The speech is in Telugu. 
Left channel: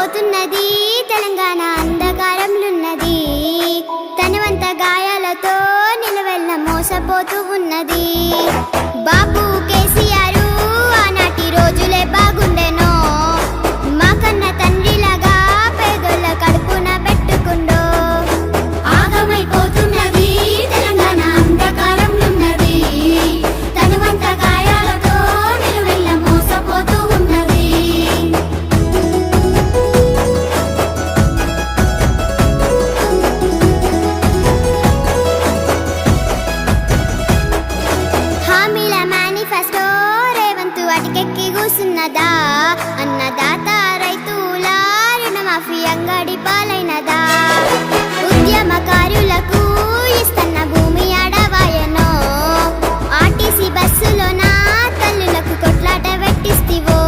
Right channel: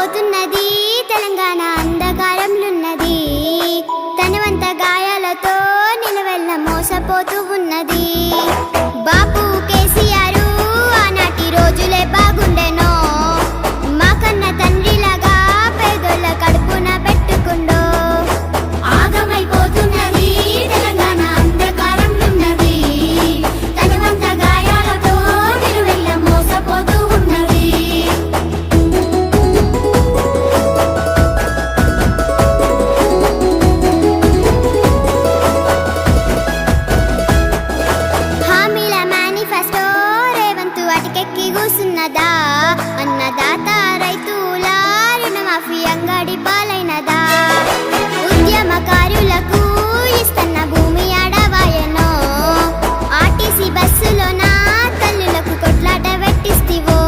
పోతున్నది. తెలంగాణ అంధకారంలున్నది తనవంత గాయాలతో నిలవెల్ల మోసపోతూ ఉన్నది. బాబు మేనిఫెస్టో రేవంతు అటికెక్కి కూసున్నదా? అన్నదాత రైతుల రుణమాఫీ అంగడి పాలైనదా? ఉద్యమకారులకు ఇస్తున్న భూమి అడవాయనో ఆర్టీసీ నా తల్లులకు కొట్లాట వెట్టిస్తివో